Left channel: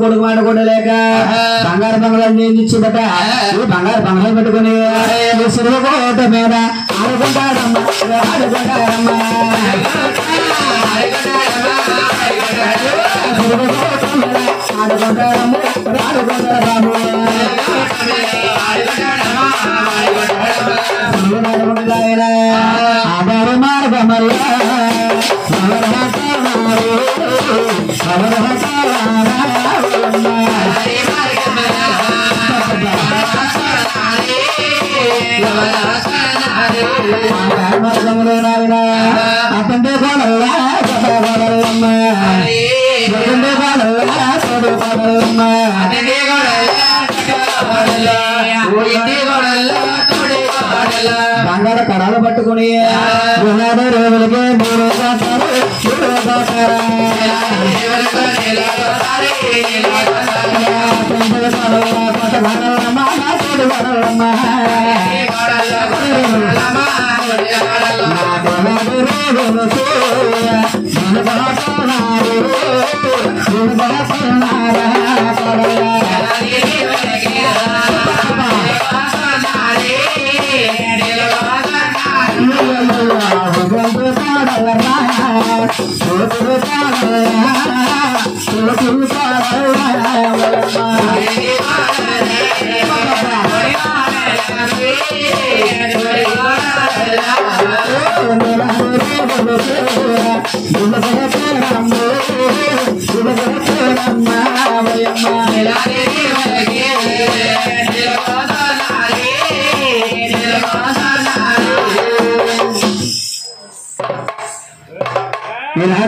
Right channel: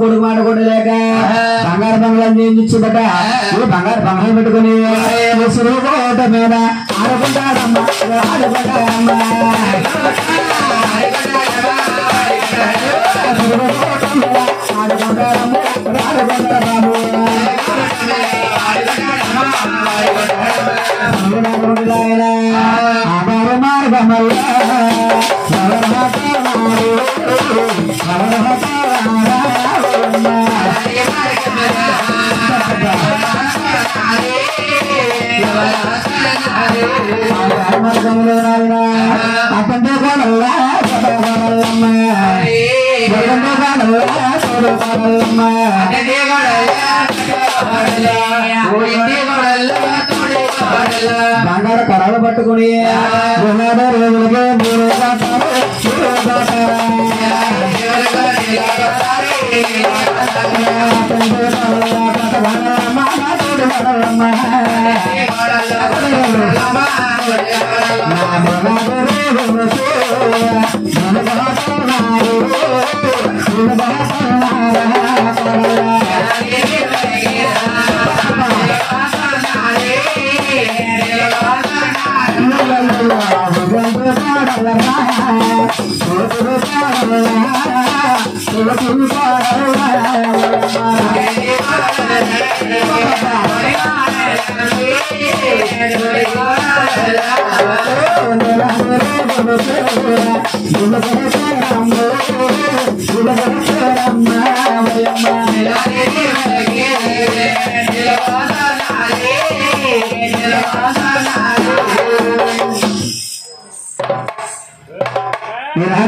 కొడుకు మాటకొడలేక బంగారు బంగారం చేయించుబట్ట బంగారు బంగారం పెట్టుకుని కోట మీద ఆధార మార్గమల్ల అతంటే బంగార కడాలు పట్టుకుని రోజులకే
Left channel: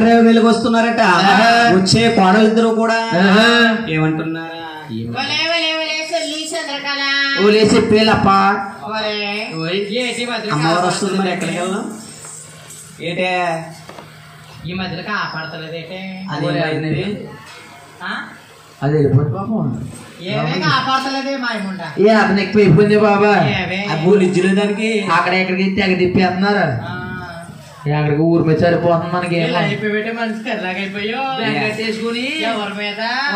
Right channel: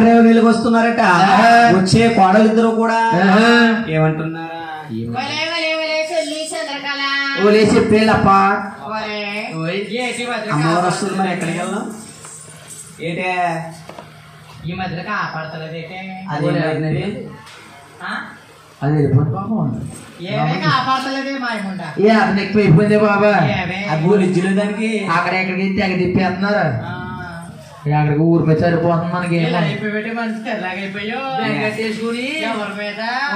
మూడు వెలుగు వస్తున్నారట. వచ్చే కోడలిద్దరు కూడా ఏమంటున్నారా? చెప్పేలప్ప అమ్మవారు వస్తుంది ఎక్కడికి వెళ్దాం ఏటే ఈ మధ్యలో కాపాడతలేదు అయితే అది అది ఎక్కువ అయిపోయింది బాబా. ఇచ్చిన దానికి అక్కడ ఎక్కడికి తెగ తిప్పేస్తున్నారు. అక్కడికి ఊరి మీద సరిపోతుంది మనకి.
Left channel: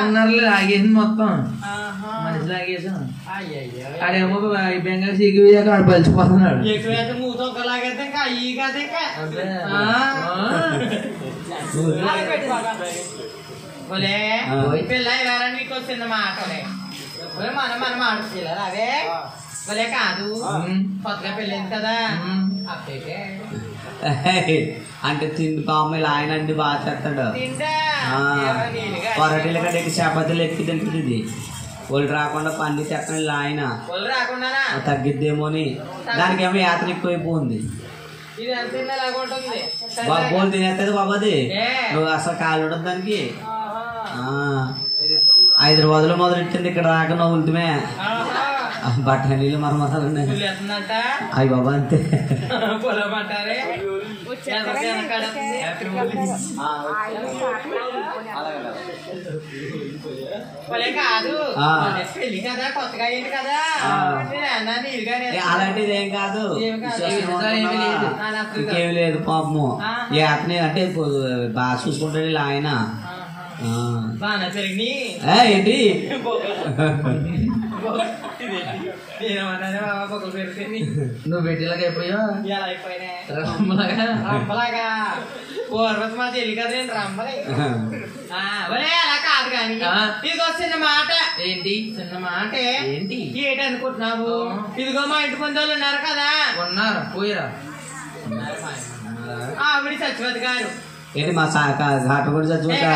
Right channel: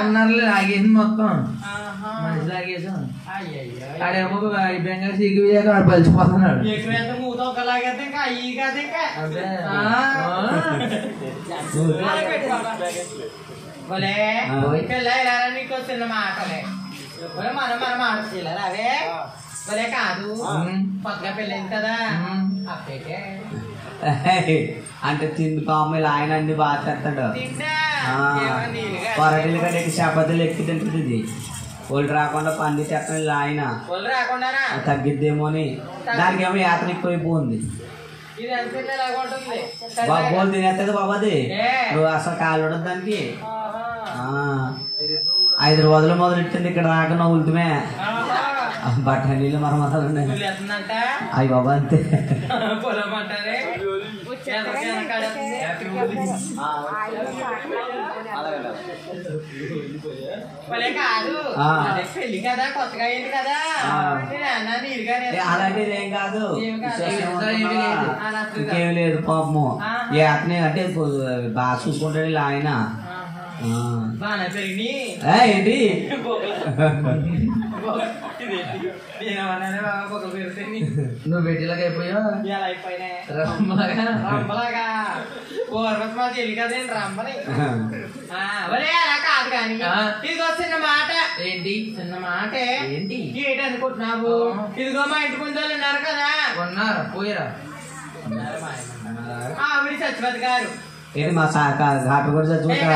ఉన్నారు లాగేసింది మొత్తం మనిషి లాగేసాం. ఆడేమో బెంగారు సిగ్గు పలిచిపోతున్నాడు. చిన్న మాటలే మనం ఆడుకోలేదు అవే భలే కాదు. కొత్తగా పెళ్ళింది కదా అప్పేకే అంటే తిండి పాములు ఆయన అన్ని బాగా చేస్తాడు. పొరటీల కడికి చపాతీలు ఎక్కి తింటుంది. ఒళ్ళు రాకుండా పండి చెప్పండి ఆయన తగ్గిద్దేమో అని. దానికి ఏమో యాత్ర ఎక్కువైపోయింది. బాబోలు తినేస్తుంది బాబాది. నువ్వు అసలు కాలు ఉండదు దానికి. హైదరాబాద్ లో మొదలెట్టింది ఇక్కడ రాక నవ్వులుతుమే బట్టలు మరమతాలు అవి బాబా అంతే. కాదు పెళ్లి కదా కొత్తగా అయింది కదా అలాంటిది ఏం కాదు. ఇంకేం లేదు పాపము. అతనే అంటే బాగా చూసుకుంటాడు ఇలా ఆయన. ఏంటి నువ్వు పెట్టేలాగా అయిపోయావు. ఇలా అయిపోయినా రంపలాగా పూర్వత మా చెల్లి కదండి రంపలే. అలా కాదు కానీ ఇదిగో చిన్న మాట. ఏంటి చిన్న మాట ఏంటి ఏంటి అనుకుంటున్నావు? ఇదిగో మా ఇంటి ముందు వాళ్ళు ఉన్నారు కదా. ఉన్నారు పోయారా? ఆవిడ సత్యవతి గారు. ఏంటి మా ఘాట కూడా చచ్చిపోతా?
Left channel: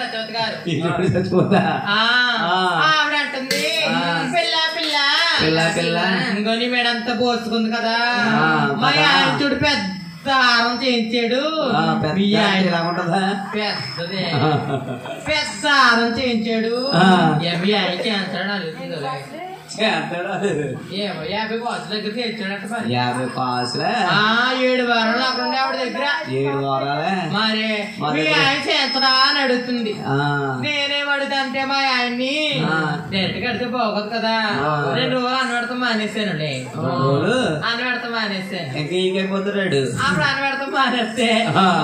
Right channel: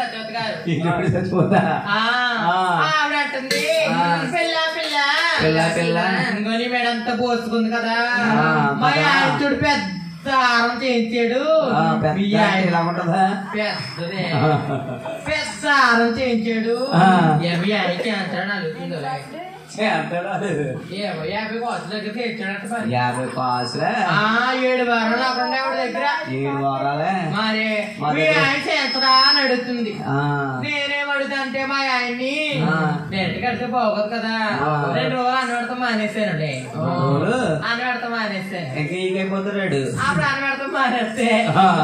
సత్యవతి గారు చచ్చిపోతా ఆవిడ అంటుంది పిల్ల పిల్ల పిల్ల ఇంకొని మేడంతా పోసుకుంది కదా. మా ఆయన చూడు పెద్ద హారం చేయించాడు. పెద్ద ఇలా ఉంటదా? పెద్దదే పెద్ద హారం చేయించాడు. మీ ఆయన చేస్తాడు అడుగుతుందో 50 కాసుల దగ్గర తెచ్చాడట. 50 కాసులే 7 వారాలు అక్కడ ఆవిడ దగ్గర. 7 వారాలే మరి మీ ఆయన చేస్తాడా అని అడుగుతుంది. నేనేం అడుగుతాంటే మా ఆయన్ని నెట్ కడితే బాగోదు కదా, 2 రోజులు అన్నవాడితో మానేసానండి. అన్నవాడితో మానేసాను. ఇంకైపోతున్నాడు. అప్పుడు అన్నవాడితో మానేస్తే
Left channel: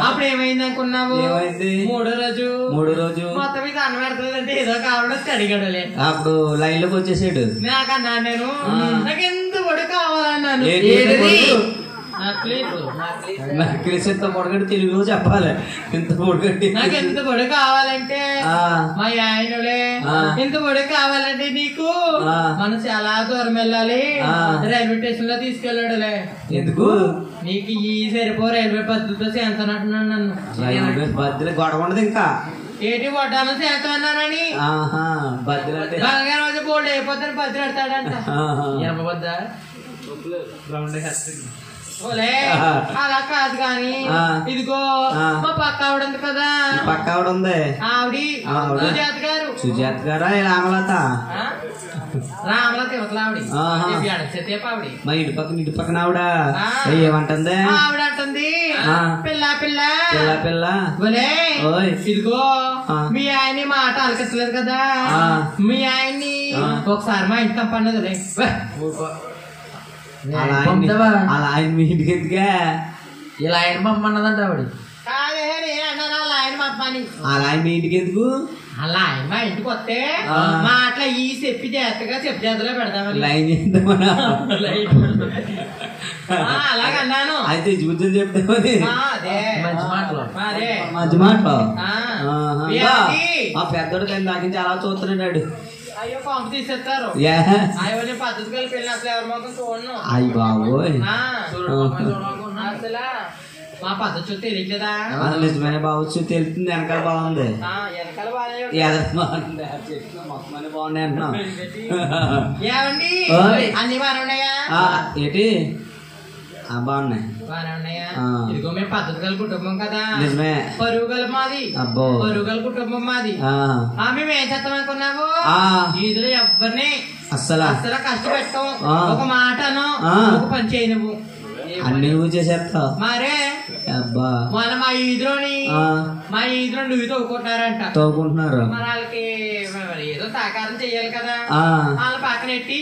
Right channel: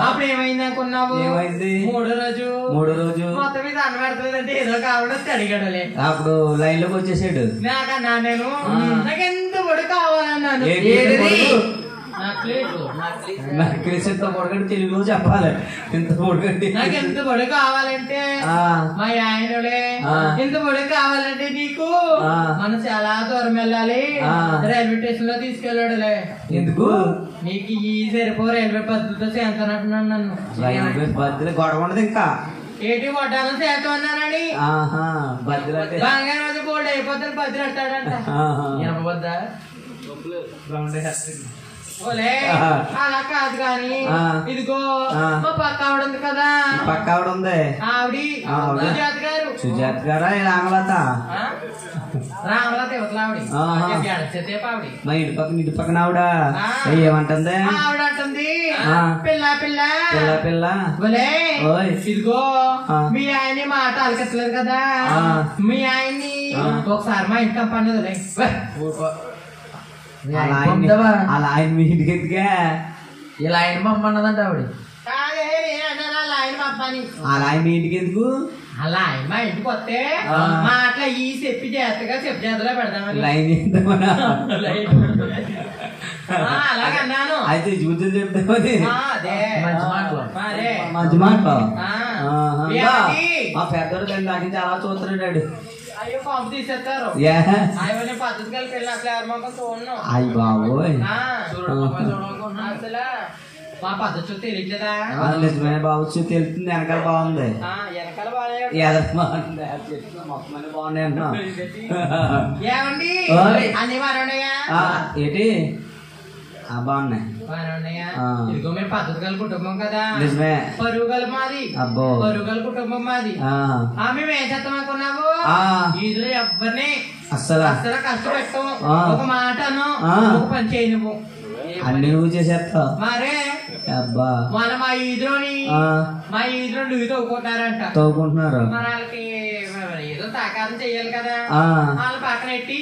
అప్పుడు ఏమైంది అనుకున్నావు? ఏమైంది? 3వ రోజు మొత్తం మీద అన్నవాడుతుందంటే ఏదో కావాలని అడిగాడులే. అప్పుడు లైన్ లోకి వచ్చేసాడు. నాకన్నా నేను నాకు ఎంత పొడి కావాలన్నాను. నక్లెస్ ఎంత పొడగండి తెలుగులో చెప్పాలి. ఎంత పొడగండి నాకు ఎంత పొడి కావాలంటే మా ఆయనలే ఎంత పొడి కావాలంటే నీకు మనం చాలా దూరం వెళ్ళాలి, రైల్వే స్టేషన్ లో తీసుకెళ్ళాడులే. ఎందుకు? నీకు ఈ సరిపో రైల్వే పద్ధతితో చేస్తానంటున్నాను. నన్ను రైల్వే బద్దలు గొడవ ఉండదు. ఇంకా ఏంటి కొట్టాను చేస్తున్నానని బంగారం బోల్డ్ అయిపోతాను బద్దలు పెడతాడంట. ఎనపబద్ద అలా కాదు కానీ ఇదిగో మా పక్క ఆవిడ ఉంది కదా, పక్క ఆవిడ ఉంది సుజాత గారా రామలత యువతల ఆవిడ. మా ఇంటి పక్కన ఆవిడ ఏమంటుంది? ఆవిడ అంటుంది పిల్ల పిల్ల పిల్ల ఇదిగో మీ ఆయన్ని మాట అలకట్లేదు కదా, మీ ఆయన్ని ఒకసారి మా ఇంటి పంపన్నది. అలా ఆయన మీ ఇంటికి ఎందుకే ఇలా ఆయన పంపన్నదంట ఆవిడ. కాదే నేను ఆయన పంపని. అలా ఆయన మీ ఇంటికి ఎందుకు? అలా ఆయన మా ఇంటికి వస్తే మాటలు ఈ చెప్పి చేతగా చెప్పి చేతలో పెడతామని లైన్ చేద్దామని అలాగన్నాను. అయితే చూసి చెప్తామని మంచి మాటలు మా పెద్దోడు దాని దానికి అలా చూస్తున్నాడు. అయ్యో పంపు తీసేస్తారు. అయ్యో పద్ధతి కలిపి వెళ్ళిన అసలు ఎవరి మొక్కలు చూడను. అయ్యి బాబోయ్ అసలు మా పద్ధతి చూస్తే తెలియదా? నిజమైన బావచ్చు తెలుస్తుంది. వెనకాల బాగుంది, వెనకాల బాగా బాగుంది, చెట్లు మొత్తం అన్ని బాగున్నాయి అన్నా. ఏమండి అన్ని బాగున్నాయా? ఏంటి బాగున్నాయి. ఇదిగో మేము పద్ధతి గల కుటుంబం కదా, నిజమే. పరువు గల మాది, పరువు గల కుటుంబం మాది. మేము ఏం చేస్తాం అనుకున్నావు? ఈదులో ఎవరిని అసలు కష్టపెట్టాం, ఒక మాటను ఒక పని చేయను. అన్ని నువ్వు చేసేస్తావు మరే. అబ్బా మన మా ఈదులో నువ్వు తవ్వుకుంటున్నారు. మరి వాళ్ళకి ఏదో సహకారం చెయ్యాలి కదా, వాళ్ళ పక్కన ఎట్టి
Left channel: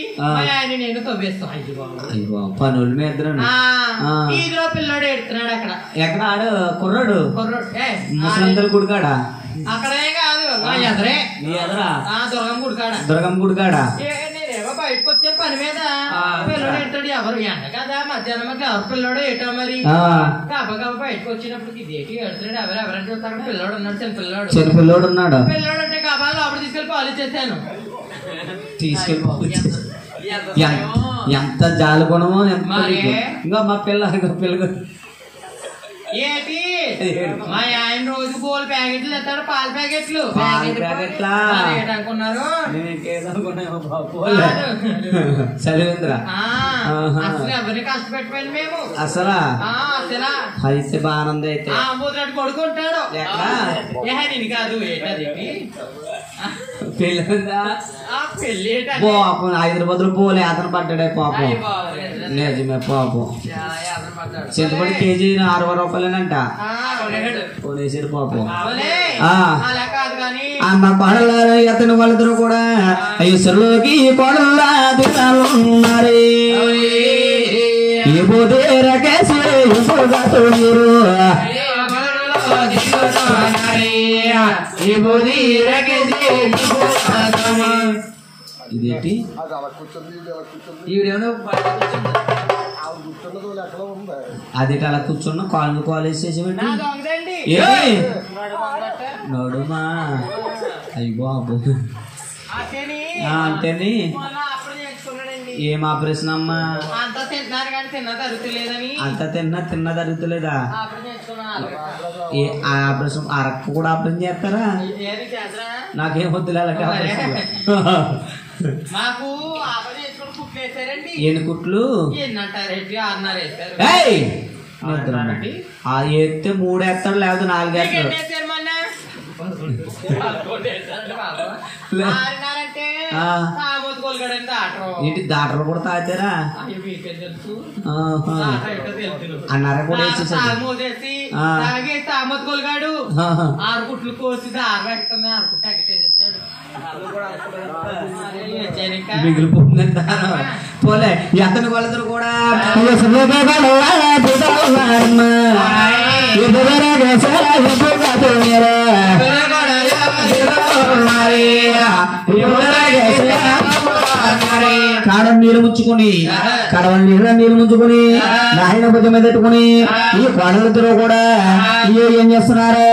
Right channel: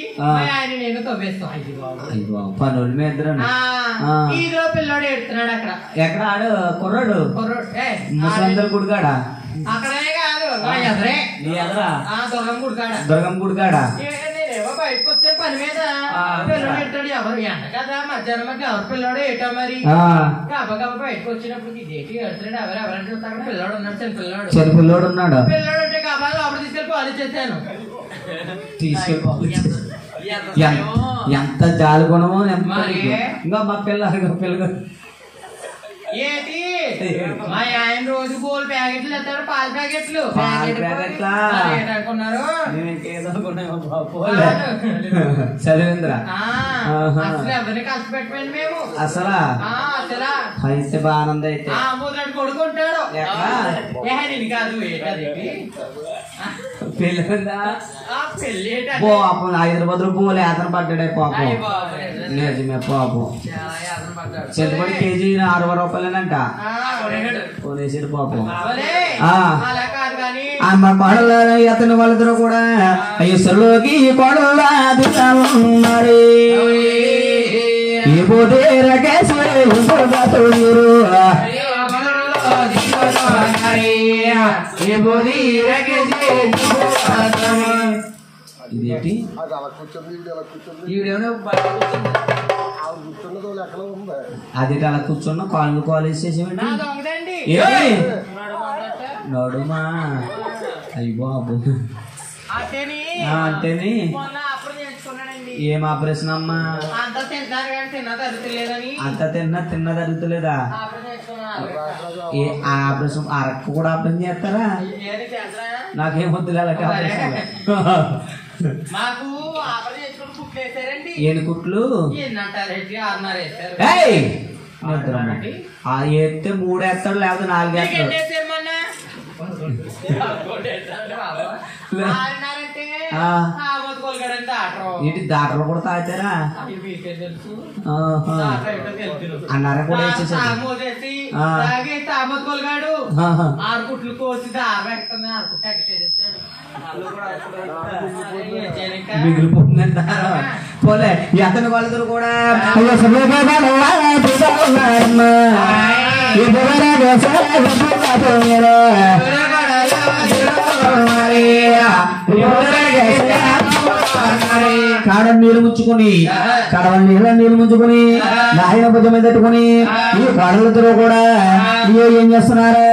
ఆయన నేను తవ్వేస్తాం. పనుల మీద ఈదులో పిల్లోడు ఎడుతున్నాడు అక్కడ. ఎక్కడ ఆడు కుర్రాడు ముసలందరు గుడికాడా? అక్కడే కాదు ఎదరే దుర్గం గుడికాడ. దుర్గం గుడికాడా? నేనేమో బయటకు వచ్చే పని మీద పిల్లడు ఎడతాడు. ఎవరు ఎండ కదా మధ్యాహ్నం ఎవరు పిల్లడు ఏటో మరి కాబట్టి బయటకు వచ్చినప్పుడు ఇదేటి ఎడుతున్నాడు ఎవరెవరంటే చూస్తాడు. పిల్లడు ఉన్నాడు, చిన్న పిల్లడు ఉన్నాడు. పిల్లడు అంటే కాబట్టి అప్పుడు తీసుకెళ్ళి పాలు ఇచ్చేసాను. ఎంత జాలి కొనమో ఇంకా మా పిల్ల ఏంటి మా ఆయన రోజు బోల్ ప్యాకెట్లు ఇస్తాడు, పాల ప్యాకెట్లు అనుకున్నారు. సరేంద్ర అసలు ఎవరిని కష్టపెట్టిపోయింది మేము అసలు అయితే బాగుంది. అయితే అమ్మోదిరాడు కొడుకుంటాడు ఇది కాదు ఏంటది పెళ్ళి పెళ్ళి పాపం హైదరాబాద్ లో పోలే అతను పడ్డాడే పాపం. నిజమే పాపం. చింతపడి కేజీ 60 రూపాయలేనంట కొనేసాడు పాపం. అమ్మ కోడలు అతని వాళ్ళిద్దరు కూడా ఈశ్వరులోకి కోడలు ఈ పోతే రకేసి ఇదేంటి అది అలా కూర్చున్నా కాళ్ళు కాలేజ్ చేసేవండి. నడుమా అయ్యి బాబు అంటేని ఏం ఆపరేషన్ అమ్మా? అంత తిన్నా తరుగుతలేదా? ఏ ఆపరేషన్ అరకు కూడా ఆపరేషన్ చేస్తారా? నాకేం వద్దులే మాకు ఆపరేషన్ కుట్లు వేసారండి. ఏడు కుట్లు అది ఎత్తే 3 వేస్తాడు లేకపోతే 4 వేస్తాడు. ఏంటి దాటలు కూడా తాగుతారా అన్నారా కూడా తామొత్తుకోలుగాడు 6 కుట్లు కోసి మిగిలిపోతుందని దారం పోలే ఎతని వాళ్ళతో కూడా కాడం నీళ్ళు ముచ్చుకుని నీళ్ళు ముంచుకుని నాయన భుజం మీద పెట్టుకుని ఈ కొడలతో కూడా ఏం చేస్తున్నారు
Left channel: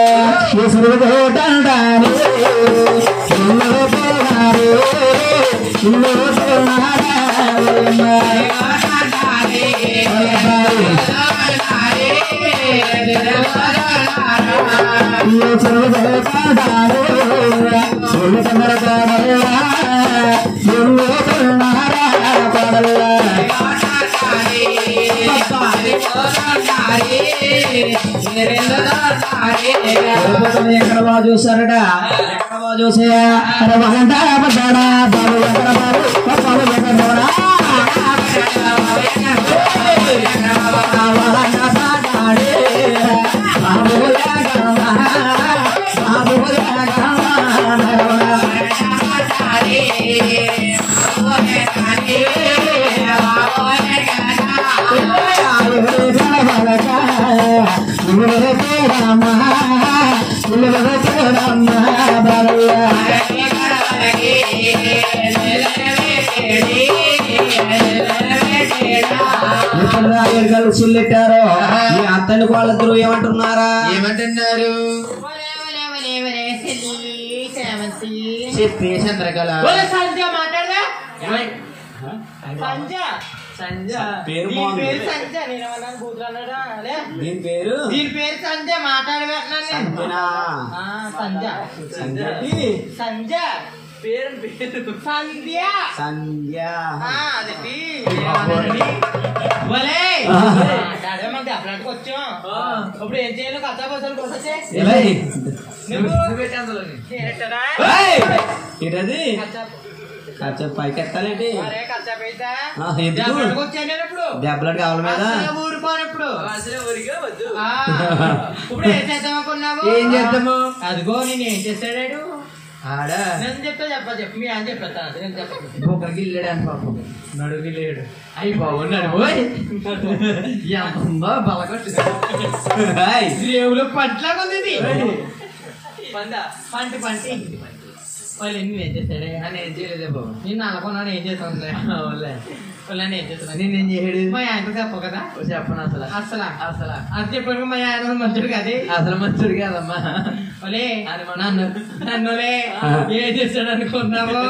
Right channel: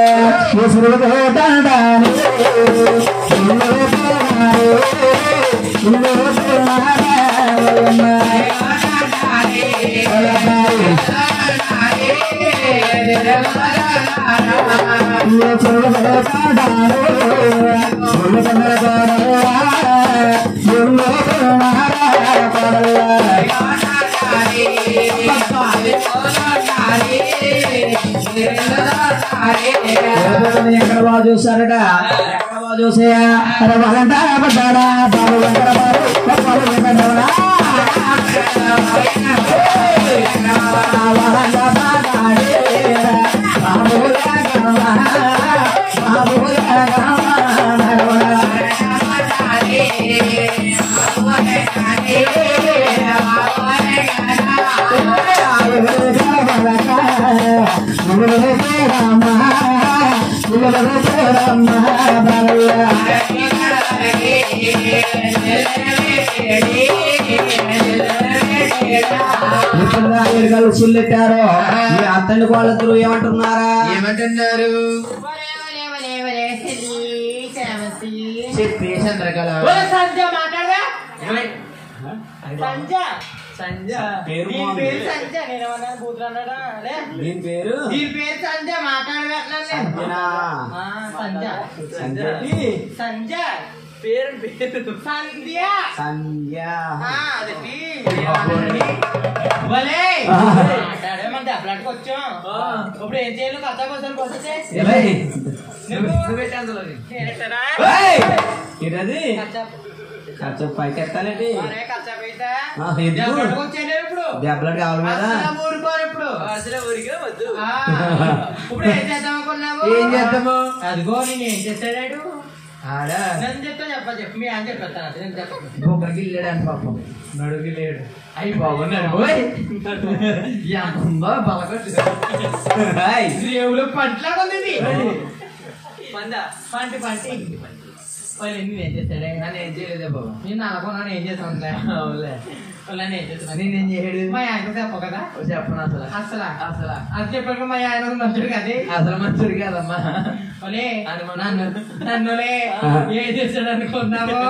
ఎక్కడ బాగా చూస్తారట ఎక్కడ బాగా చూసాయా పడ్డాడా బాబు ఎక్కడ చిల్లెట్టారో ఈ అత్తని వాళ్ళిద్దరు ఏమంటున్నారా ఏమంటున్నారు చెప్పి చంద్రకళ దీని పేరు సంజ సంజ పేరు సంధ్య వచ్చాం ఇప్పుడు ఏం చేయాలి కథ బస్సులు పైకి ఎత్తాలండి దెబ్బలు కావాలి ఇప్పుడు ఏం చేద్దాం అనుకున్నావు ఏం చేద్దాము అదిగో నేను ఏం చేశాడు నన్ను చెప్పు మీ అని చెప్పేస్తాను నేను చెప్పను బొక్కడికి వెళ్ళాడు పాపం నడుగు లేడు అయ్యి బాగున్నాడు రేవులో పంటలాగా ఉంది పంటి వాళ్ళు ఏం చేస్తాడే నన్ను ఏం చేయలేదు బాబు నేను అనుకున్నాను ఏం చేస్తాను వాళ్ళని ఏం చేస్తాను నేనేం చేయడు మా ఆయన చెప్పు కదా చెప్పను అసలు అది చెప్పాడు మా ఆయన మంచుడు కదే అసలు మంచుడు కాదమ్మా నన్నులే ఏం చేస్తాడు అనుకున్నావు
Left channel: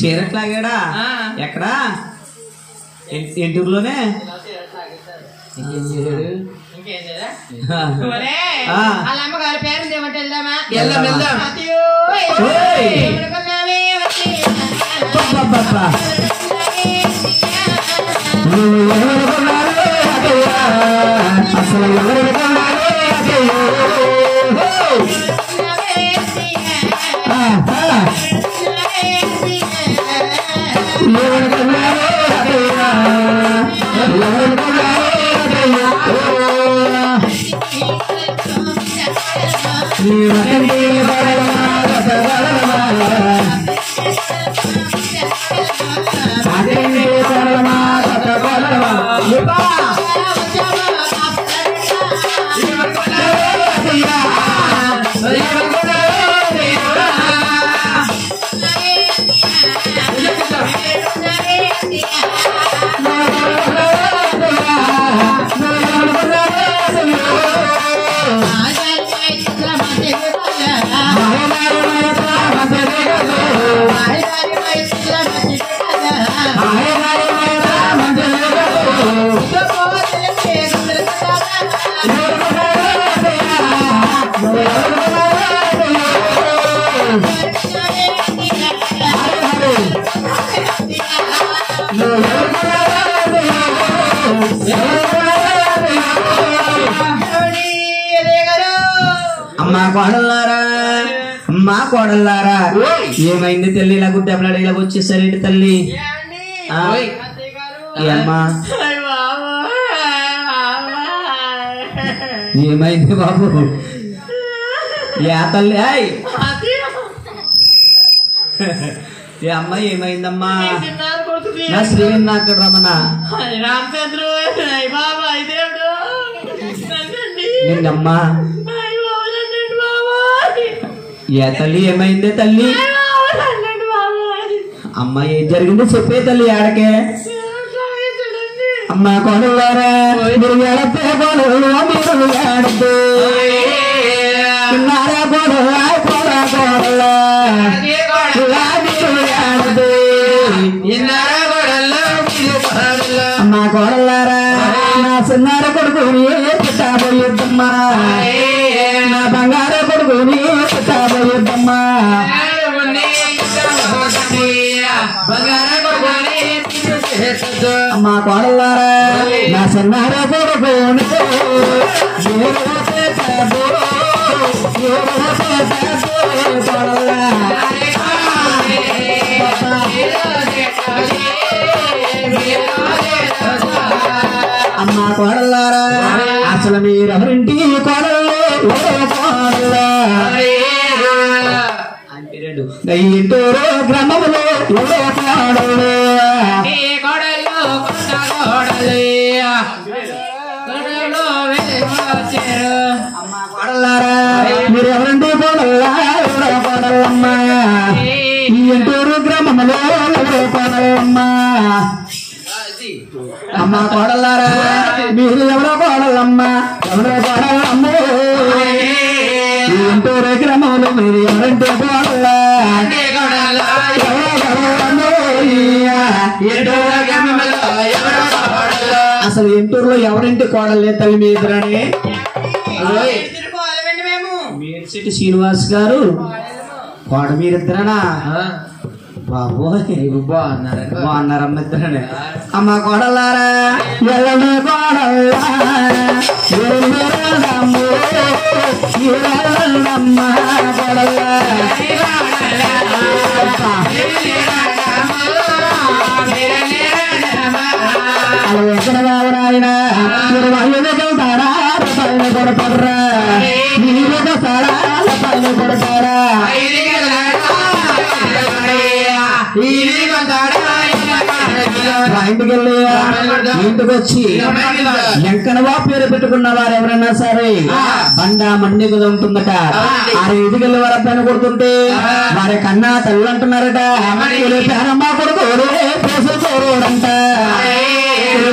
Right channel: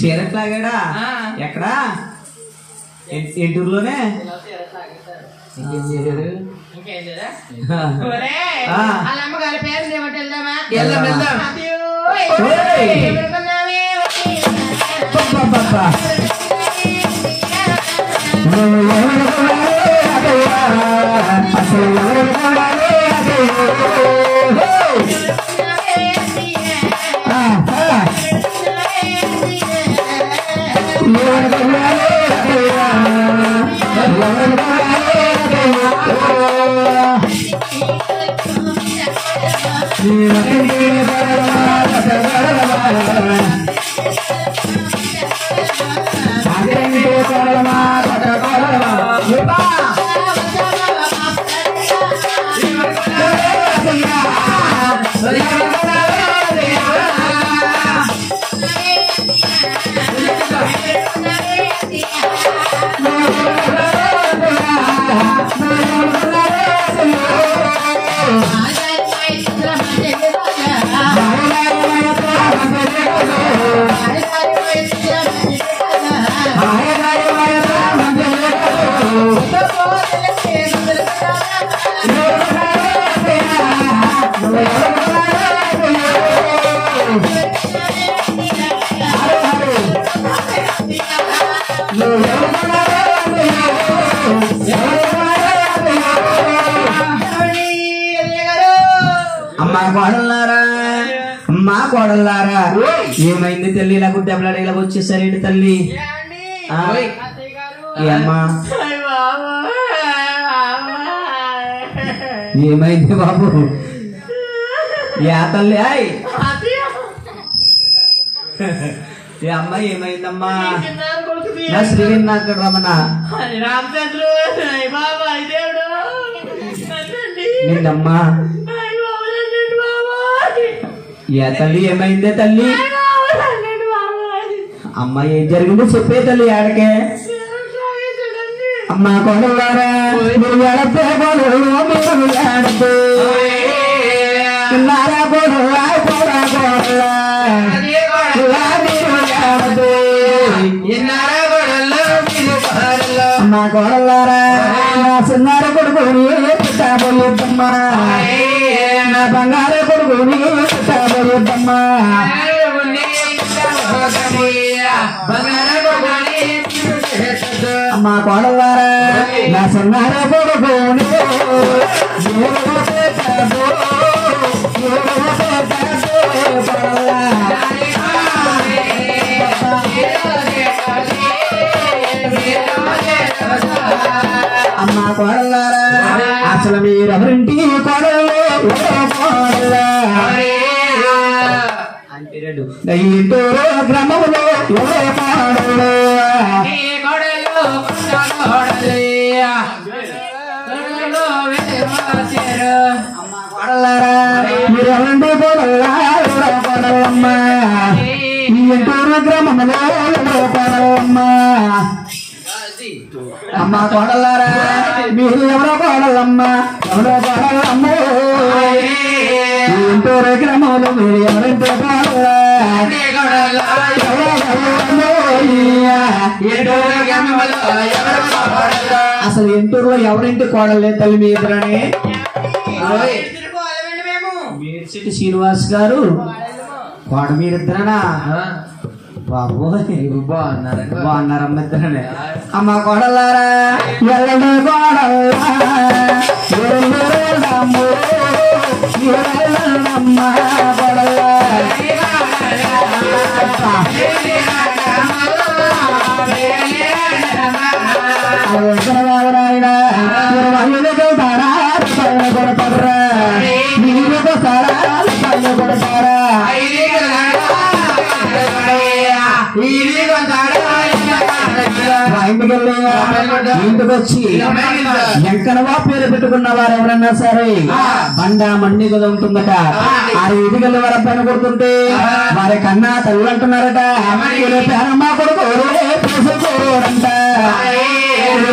చీరట్లాగాడా ఎక్కడా ఇంటూరులోనే ఇంకేం వాళ్ళ అమ్మగారి పేరు ఏమంటే వెళ్దామా కోడల్లారా మా కోడల్లారా ఏమైంది తల్లి ఇలా గుడ్డెబ్బలాడ ఇలా వచ్చేసరేంటి తల్లి ఏమ్మా ఏమైంది బాబు యా తల్లి ఏ అమ్మాయి ఏమైందమ్మా శ్రీనాథ రమణ నిన్నమ్మా ఏ తల్లి ఏమైందే తల్లి అమ్మా ఏం జరిగిందో చెప్పే తల్లి ఆడకే అమ్మా కొడవారా మీరు ఏడతే మీరు ఏడద్దు నారా కొడవా అమ్మా కొడలారా నా చిన్నార కొడుకుని పుట్టాబోయద్దమ్మా నా బంగార కొడుకుని పుట్టాబోయద్దమ్మా అమ్మా కొడలారా నా చిన్నార కొడుకుని అమ్మా కోడల్లారా అసలు మీరెవరింటి కోడళ్ళు ఇంటూరు గ్రామంలో కోడళ్ళు అమ్మా కోడల్లారా మీరెవరింటి కోడళ్ళమ్మా ఇంటూరు గ్రామంలో కోడళ్ళమ్మా అమ్మా కోడల్లారా మీరు ఎవరో కోడలమ్మా ఎవరో కోడలమ్మో ఇంటూరు గ్రామంలో మీరు ఎవరంటే కోడల్లా అసలు ఇంటూరులో ఎవరింటి కోడలే తల్లి మీ ఇద్దరని మేడ్సిటి శ్రీనివాస్ గారు కోడ మీరిద్దరనా బాబు బాగున్నారమ్మ ఇద్దరనే అమ్మ కోడలారా ఎల్లమ్మ కోడల్లా ఆయన కొడతారా మీరు కొడతారా ఇంటికి వచ్చి ఎంకనవా పేరు పెట్టుకున్న వారు ఎవరైనా సరే బండ మండి కదా ఉంటుందట వారి ఇదికెళ్ళి వారి అబ్బాయిని కొడుతుంటే వారి కన్నా తల్లి అంటున్నారట పేరమ్మ కొడుకు పేసుకోరంట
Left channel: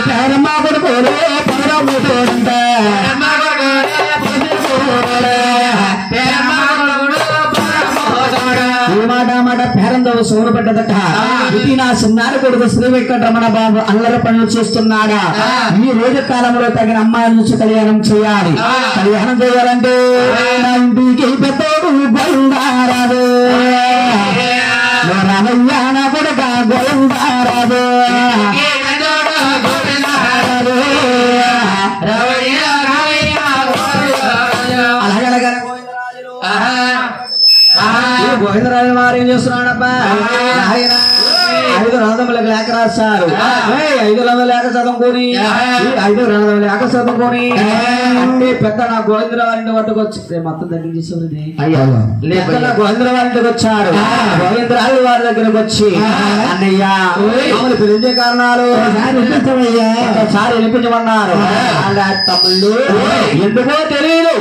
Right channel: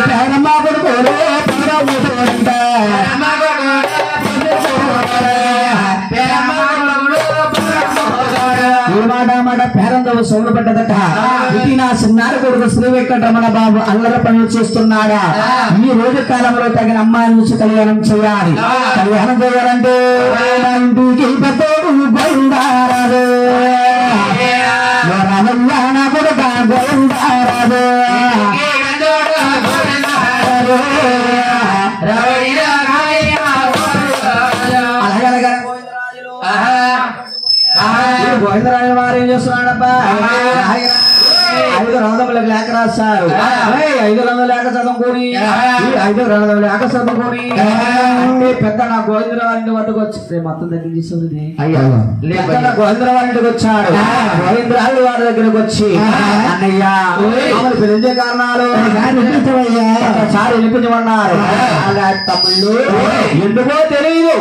పేరమ్మ కొడుకు పేరంట మాట పేరందవ సోరు పడ్డదట ఇది నా చిన్నార కొడుకు శ్రీ వెంకటరమణ బాబు అల్లర పనులు చేస్తున్నాడా ఈ రోజు కాలంలో తగిన అమ్మాయి నుంచి కళ్యాణం చేయాలి కళ్యాణం చేయాలంటే ఇంటికి పెద్దోడు గోవిందారాదు రామయ్య నా కొడుక గోవిందారాదు గోవిందరాజు వారు ఏం చేస్తున్నాడబ్బా 500 లేఖ రాశారు 500 లేఖ చదువుకొని 500 లేఖ చదువుకొని అంటే పెద్ద నా గోవిందరావు పట్టుకొచ్చి మొత్తం దగ్గర తీసుకుంది పెద్ద గోవిందరావు ఇంటికి వచ్చాడు గోవిందరాజు వారి దగ్గరకు వచ్చి అన్నయ్య పిలిచే కారణాలు సారి వినిపించమన్నారు అలా తమ్ముళ్ళు ఎందుకో తెలియదు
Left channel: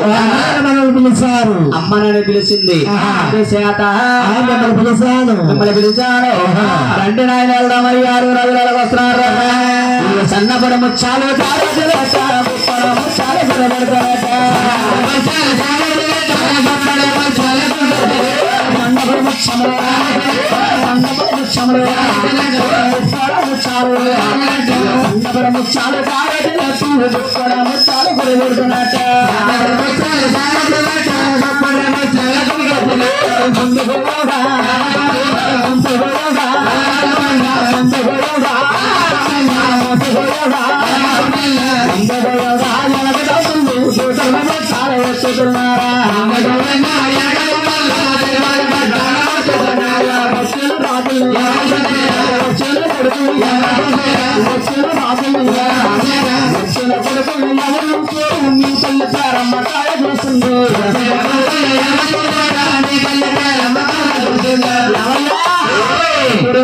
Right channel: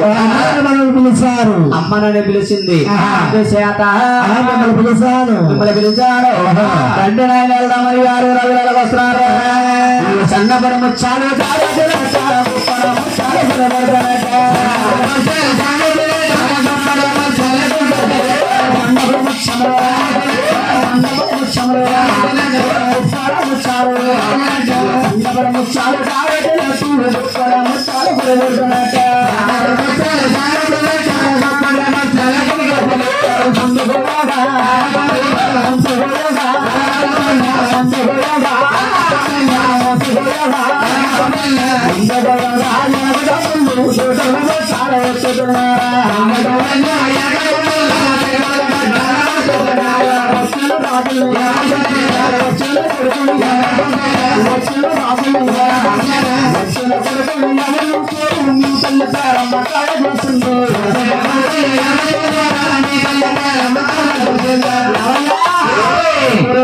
మనల్ని పిలిచారు అమ్మనని పిలిచింది చేత పిలిచాను మిమ్మల్ని పిలిచాను రెండు నాయన వెళ్దామని 6 రోజులకు వస్తున్నారు సన్నపడ ముచ్చాలు చాలా తల్లి ప్రారంభ చేస్తుంది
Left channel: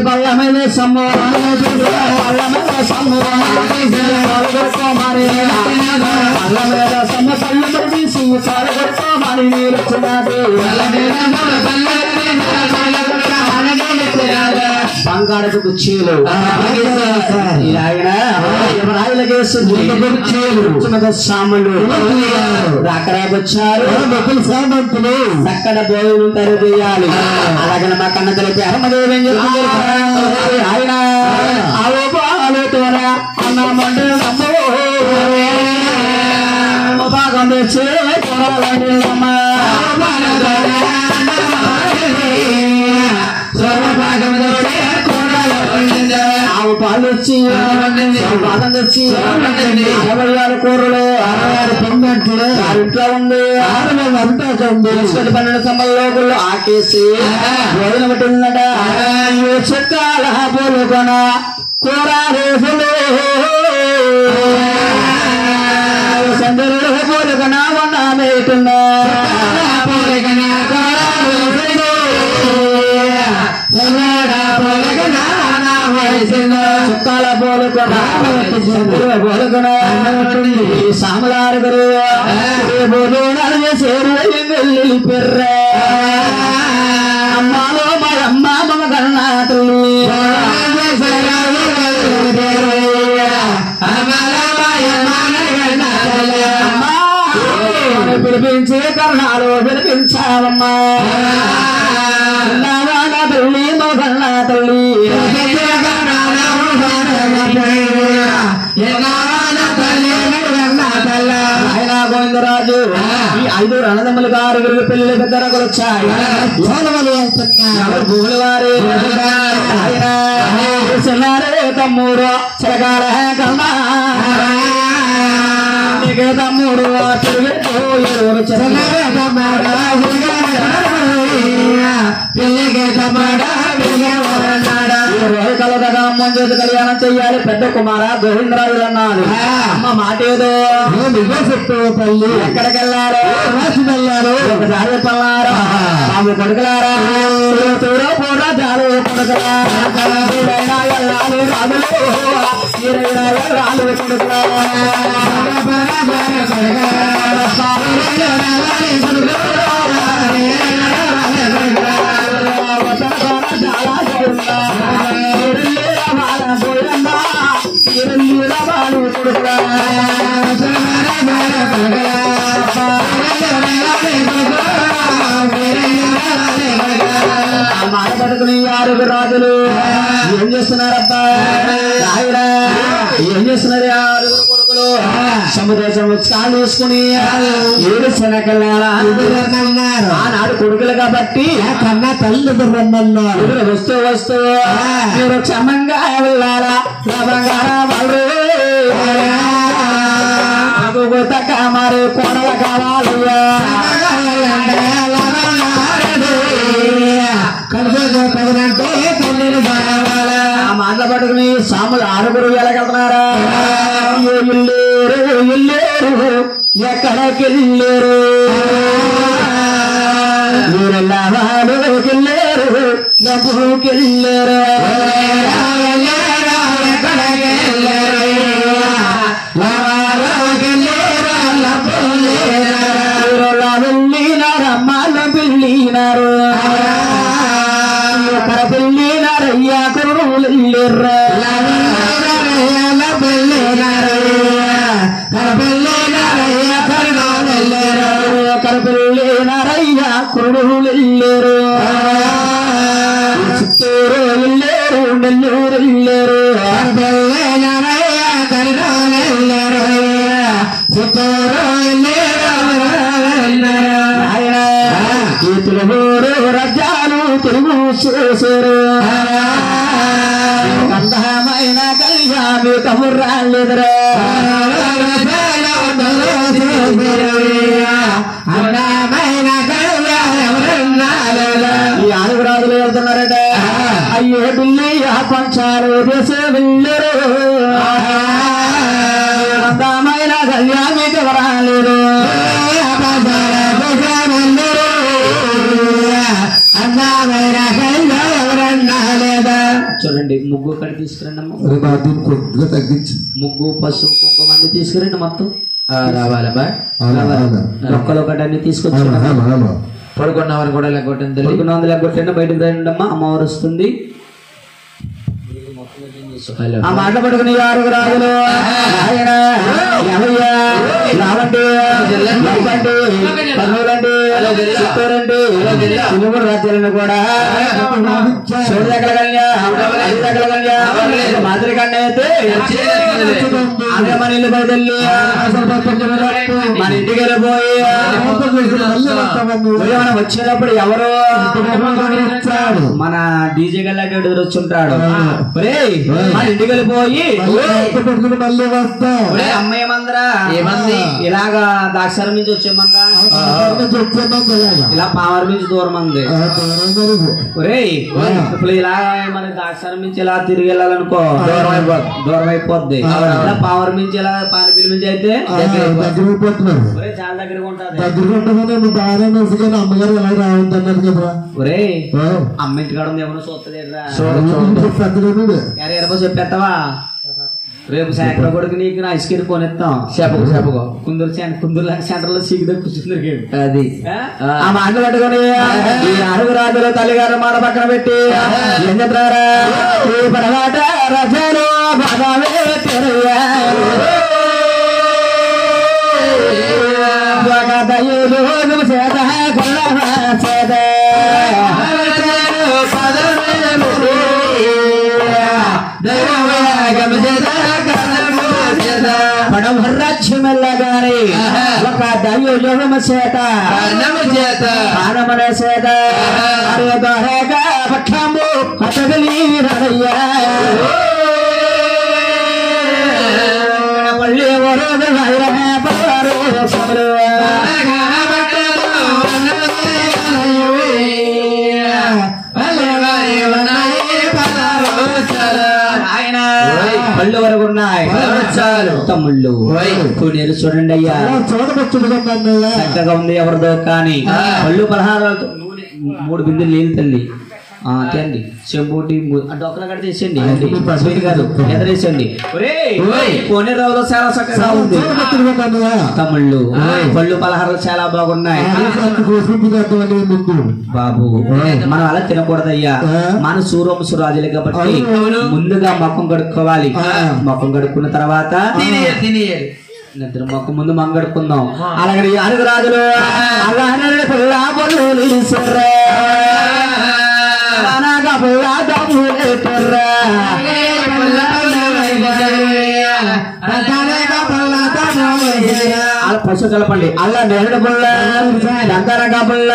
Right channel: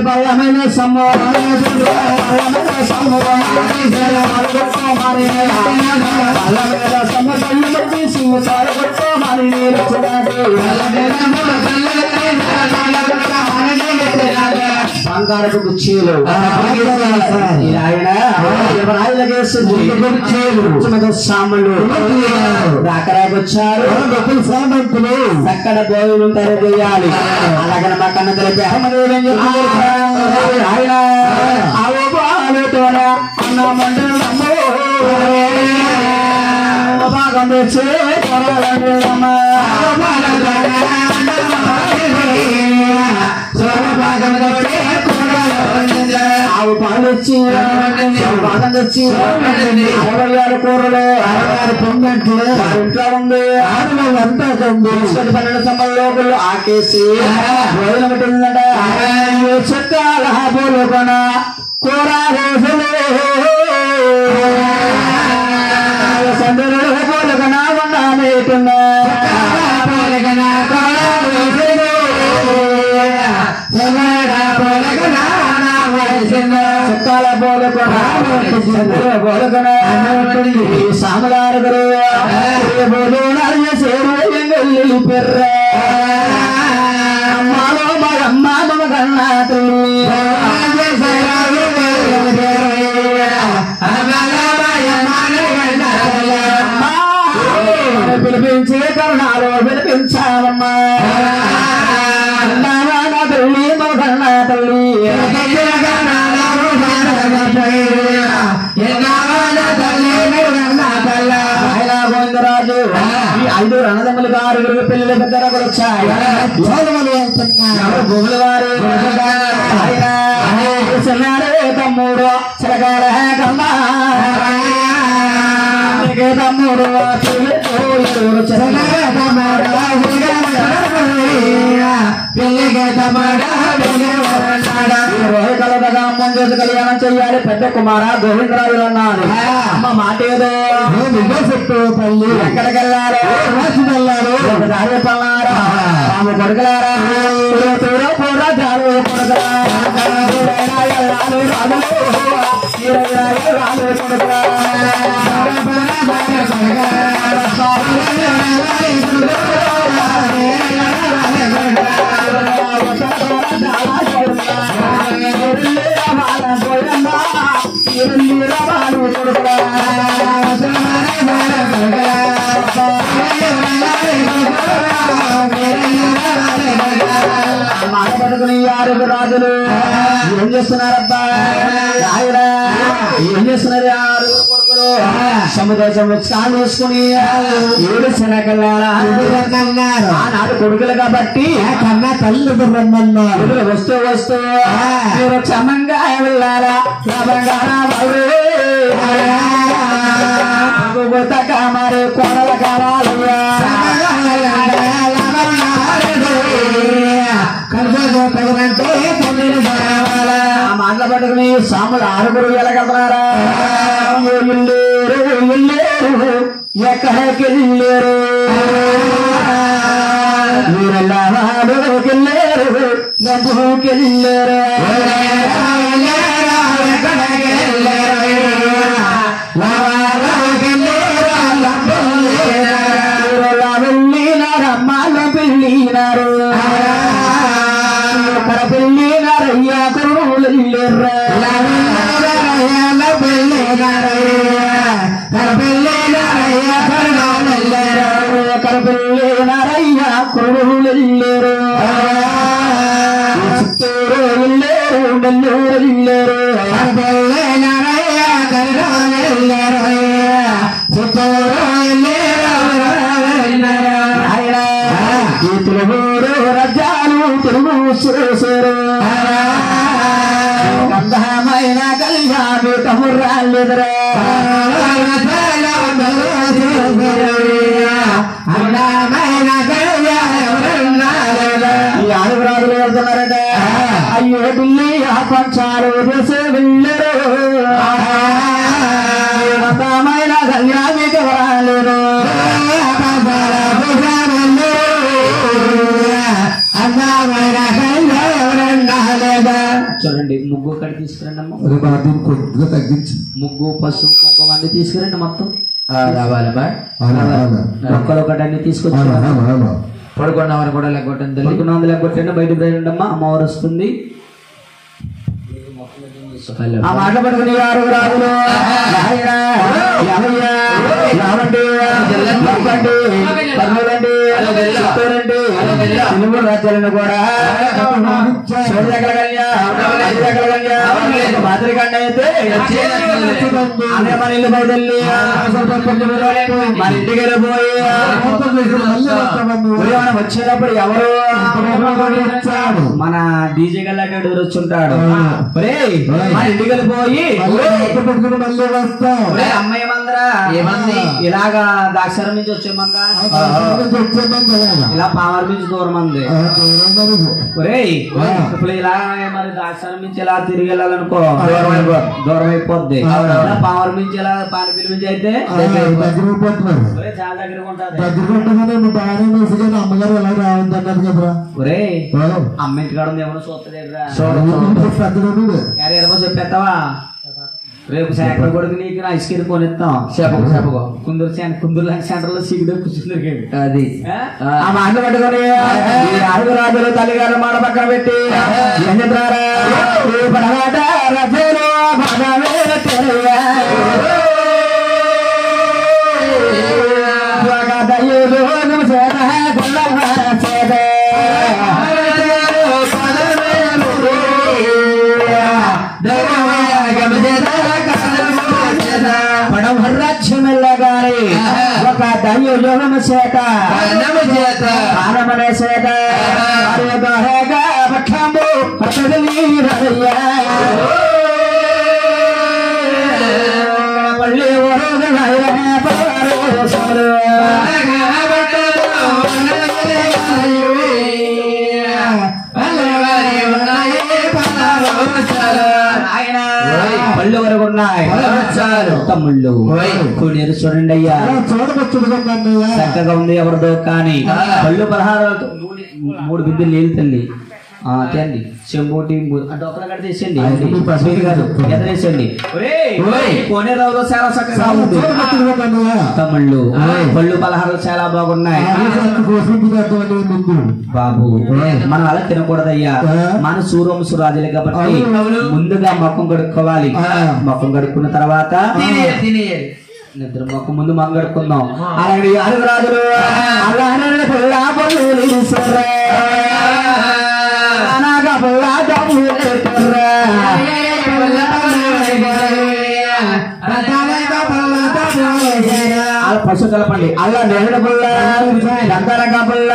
బల్లమైన బంగారపు కుర్చీలు ఆయన సాములు రాకరాకొచ్చారు సామంతులు అక్కడ దేవులు తయారు చేయాలి అలాగే మా కన్న తెలిపి అహ్మదేవి ఏం చెప్తున్నారు ఆయన భాగం తెచ్చే ఆవు పాలు వచ్చి బాదం తెచ్చి కూరలు పొందంట్లు ఇంట్లో ఉంది అంతా తీసుకొని 12 సమయంలో ఆకేసి భోజనం పెట్టిందట చెత్తాల పోలు కొన కూర రోజులు సందరుడు పోలు కొన ఉన్నానేటున్నా చుట్టాల పోలుకొన సామలారు గారు సేరు పెర్ర అమ్మాలో మగమ్మ మమ కన్నా పిలిపించే కరుణాలు పిలిపించావమ్మా తల్లి మగన్న తల్లి గోవిందరాజు ఈ 5 రణదమ్ములు గారు పిల్లలు పెద్దలకు వచ్చాయి భూములు గారు తమ్ముడు చిరకాల కన్నా తమ్ముడు కళ్యాణం చెయ్యాలి పెద్ద కుమార గోవిందరాజులు అన్నాడు అమ్మ మాట ఏదో తల్లి ఎక్కడికి వెళ్ళారు వెళ్ళారు దారి పల్లారా బాబు కొడుకులారా పూరా దారు పడుకుని 6 రాజులు ఏం చేస్తున్నారబ్బా ఏం చేస్తున్నారు 6 కొడుకులు సముద్రం కాలు వేసుకుని 7 శనకన్నారు ఆనాడు కొడుకులు కాబట్టి కన్నా తల్లి వస్తూ వస్తూ మీరు క్షమంగా వెళ్ళాలా క్షమంగా మరి కొనల కావాలయ్యా మాటలు పట్టుకుని సాములు 6 వెళ్ళగలుగుతున్నారా ఇల్లేరు ఎక్కడికెళ్ళారు మీరెళ్ళారుకెళ్ళారు నవ్వుకెళ్ళారు వెళ్ళినారమ్మాల పెళ్ళినారు ఎక్కడ పెళ్ళినారయ్యా కరువులు వెళ్ళారు ఎక్కడ పెళ్ళినారయ్యా కొడుకులు వెళ్ళారు చిత్తూరు వెళ్ళారు నెల్లూరు వెళ్ళారు తిరుగురు రజాలు తిరుగు చేశారు అందమైన కళ్యాణి తమ్మురాళ్ళెదురు ఈ 6 రాజులు వెళ్తున్నారట అయ్యో ఢిల్లీ పంచాలు చేసే వెళ్ళరు అందమైన కళ్యాణి తీసుకురండి అమ్మ. దీన్ని కొద్దిగా తగ్గించు. ముగ్గు పసుపు కుంకుమ అన్ని తీసుకురండి మొత్తం. రావాలమ్మా. అవునా? మొక్కలు ఒకటి అన్ని తీసుకొచ్చి పడుకున్నామని కూడా లేకొట్టండి. పడుకున్నందు లేకొట్టండి. బయటకు రండి అమ్మా. అమ్మవారు వస్తుంది. ఆ మాట పడుకుని వారు రాజులు తెలుగు రాజ్యాలను కూడా మాదిరి కంటే అయితే మన ఇల్లు బయటెళ్ళి మన ఇంటికి వెళ్ళిపోయి వచ్చేటప్పుడు ఎవరు మన డీజే గల్లాడు వచ్చుంటాడు. మన ఇంటికి వెళ్ళిపోయి మళ్ళీ వస్తాం. అమ్మాయి మందరా ఏమంది ఇలాగా దాక్షరం నుంచి వచ్చేమందా ఇలా పామర్ నుంచి దూరం ఉంది. ఇప్పుడు ఇలా మరి దాక్షరం నుంచి ఇలా తిరిగి వెళ్ళాలనుకో దూరం అయిపోద్ది. పామర్ నుంచి ఇలా పానిపిల్లి నుంచి అయితే చాలా దగ్గర ఉంటుంది. అమ్మగారు ఎలా రావద్దన్నారు కదా. ఒరే అమ్మ ఇంటికాడ ఉంది ఎవరు చూస్తుంది చెప్పేస్తావా? రేపు సాయంత్రం కొడుకు నీకు ఐస్ క్రీమ్ కొనిస్తాం. కుందూరు సెంటర్ లో సిగ్గు కూర్చుందరికి అది ఆ మాట పట్టుకొని అడుగు రాజులు తల్లిగారు మాట పక్కన పెట్టి ఏం చెప్తారా? పడమాట రజలు పడవరాజ్యమెల్లగానే ఒక దైవయోగమ చేత ఆనమనే చేత పక్షము అతగలి రయ్యా పళ్ళి పళ్ళు వరకు ఉన్నాయి. తమ్ముళ్ళు కొనేరు చూడండి అయ్యా, చక్కగా ఉంది ఎవరిదో కానీ పళ్ళు పలహారాలతో 3 బిందెలు నీళ్ళు తల్లి తేండి. చెంబూటి డొక్కల కడ తీసేయండి. ఎదరేసండి. కోనేరులో చాలా చక్కగా ఉంది. తమ్ముళ్ళు పళ్ళు పలహారాలు చాలా బాగున్నాయి. బాబు మనం అలా తినకూడదయ్యా. మన సూర్వంశ రాజులే కాబట్టి ముందుగా మొక్కం కడుక్కోవాలి. మొక్కం కడుక్కున్న తర్వాత నిద్ర మొక్క ముందు మొక్క కడుక్కుందాం. అలాగే అడుగు రాజులు పశు కలపండి. అలా నేరుడు పుల్ల దంతరక పుల్ల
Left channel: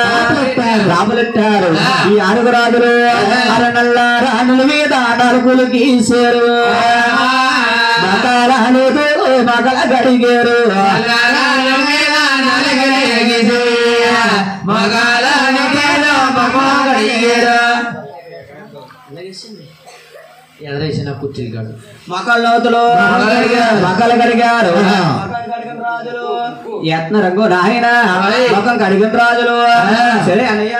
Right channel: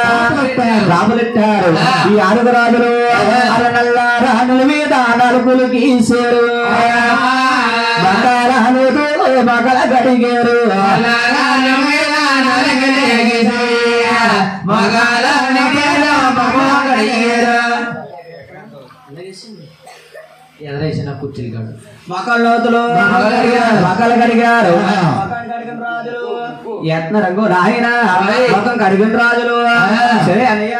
రాములెట్టారు. ఈ అడుగు రాజులు అరనల్ల రాముల మీద నలుగులు గీసారు. మగల గడిగారు. ఎదరేసిన కుర్చీలు కాదు మొక్కల లోతులు మొక్కలు కడిగారు. యత్న రంగు నాయన మొక్కం కడిగిన రాజులు. సరే అన్నయ్య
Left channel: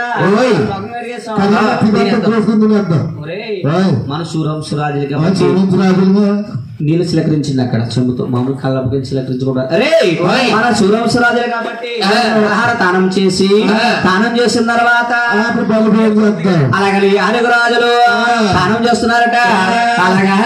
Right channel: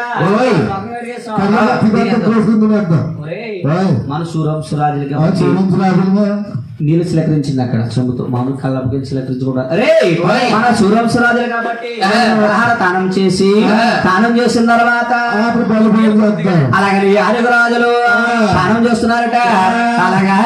మన సూర్యంశ రాజులు కాబట్టి నీళ్ళు చిలకరించింది అక్కడ చెంబుతో. మామూలు కళ్ళకి చిలకరించకుండా మన సూర్యంశ రాజులు కాబట్టి తానం చేసి తానం చేసిన తర్వాత అలాగే అడుగు రాజులు తానం చేస్తున్నారట. అలాగా